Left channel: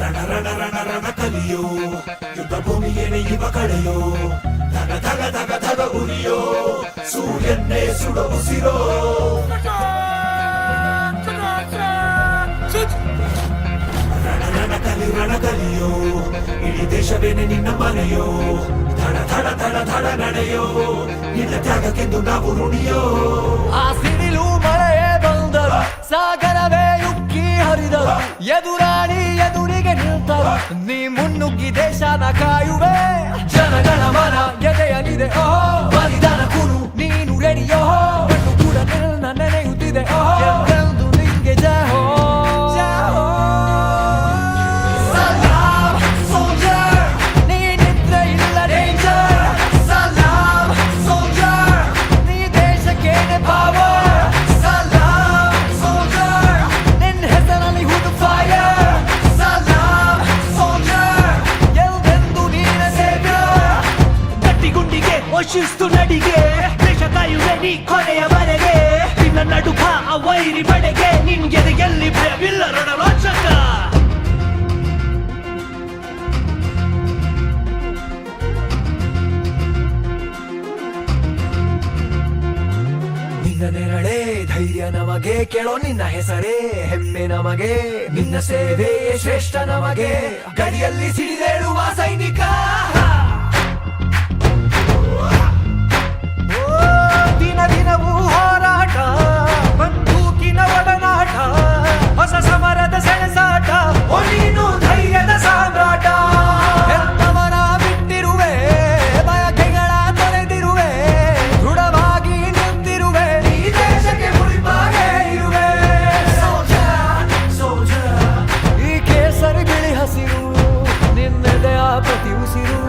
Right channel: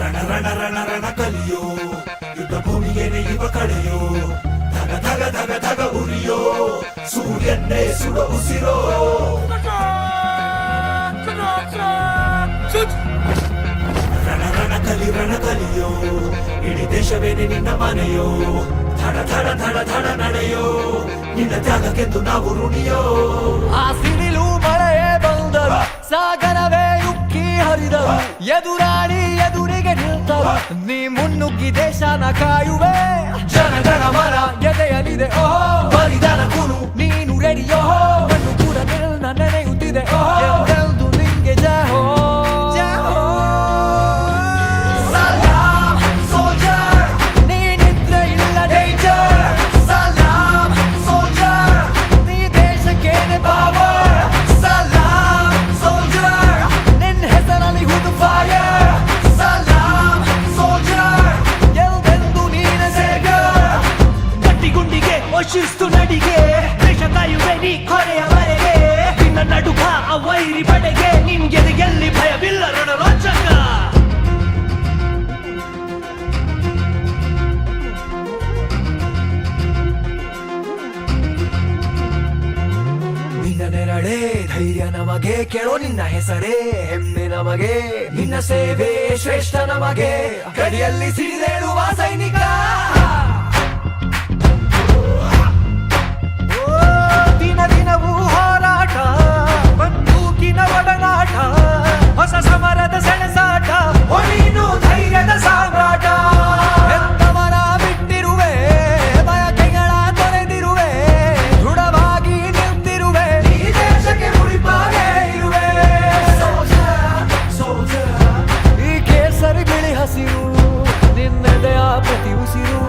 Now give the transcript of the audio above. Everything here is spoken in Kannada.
ರಣ ರಣ ರಣ ರಣ ಕಲಿಯೋ ಯುದ್ಧ ಭೂಮಿಯೇನೆ ಇವ ಕಡೆಯೋ ಧಗ ಧಗ ಧಗ ಧಗ ಉರಿಯೋ ಸೂರ್ಯನ್ನೇ ಸುಡ ಉಸಿರೋ ರಣ ಕಲಿಯೋ ಇಡೀ ದೇಶವೇನೆ ನಿನ್ನ ಮನೆಯೋ ಧಡ ಧಡ ಧಡ ಧಡ ನಡೆಯೋ ನಿನ್ನ ತ್ಯಾಗಕ್ಕೆಂದು ನಾವು ಋಣಿಯೋ. ಆ ಸಿಡಿಲು ಮಳೆಯೇ ಬಂದರು, ಸಾಗರವೇ ಉಕ್ಕಿ ಹರಿದರು, ಎದುರಾಳಿ ಎದುರಿಗೆ ನಿಲ್ತರು, ನೀ ಮುನ್ನುಗ್ಗಿ ದೇಶನ ಕಾಯುವೆ. ಜನಗಳ ಮನ ಎದೆಯಲಿದೆ ಓಹೋ, ಬಲಿದಾನ ಕುರು ನೀನು ರೆಡಿಯೋ, ಮಣ್ಣು ಕೂಡ ನಿನ್ನ ನೆನೆಯುತ್ತಿದೆ ಓಹೋ, ಎಂದೆಂದು ನಿಂಗೆ ಜಯ ಹೋ. ಶಿಸ್ತು ನಡಿಗೆ ದೇಶ ಕಾಯುವೆ ನೀ ಕೊನೆಯವರೆಗೆ, ನಿನ್ನ ನಡುಕ ಆ ವೈರಿ ಬಡೆಗೆ, ನಿನ್ಗೆದೆ ಎಲ್ಲಿ ಭಯವಿಲ್ಲ ರಣರೋಚಕ. ನಿನ್ನ ನೆರಳೇ ಧೈರ್ಯ ನಮಗೆ, ಕೇಳೋ ನಿನ್ನ ಹೆಸರೇ ಹೆಮ್ಮೆ ನಮಗೆ, ನಿನ್ನ ಸೇವೆ ಶ್ರೇಷ್ಠ ನಮಗೆ, ಗಡಿಯಲ್ಲಿ ಸಿಡಿದೇಳುವ ಸೈನಿಕ. ದಿನವೂ ಹೋರಾಟ, ಬಂದೂಕಿನ ಒಡನಾಟ, ಹೊಸ ಸಮರದ ಸೆಣಸಾಟ, ಓ ನೀನು ಧೈರ್ಯದ ಸಾಮ್ರಾಟ. ಹೆತ್ತವರ ಬಿಟ್ಟಿರುವೆ, ಬಯಕೆಗಳ ತೊರೆದಿರುವೆ, ದೃಢವಾಗಿ ನಿಲ್ತಿರುವೆ, ಈ ದೇಶಕ್ಕೆ ಮುಡಿಪಾಗೆ ಇರುವೆ. ಈ ಕೇಸರಿ ಬಿಳಿ ಹಸಿರು ನಿನ್ನೆದೆಯ ಪ್ರತಿ ಉಸಿರು.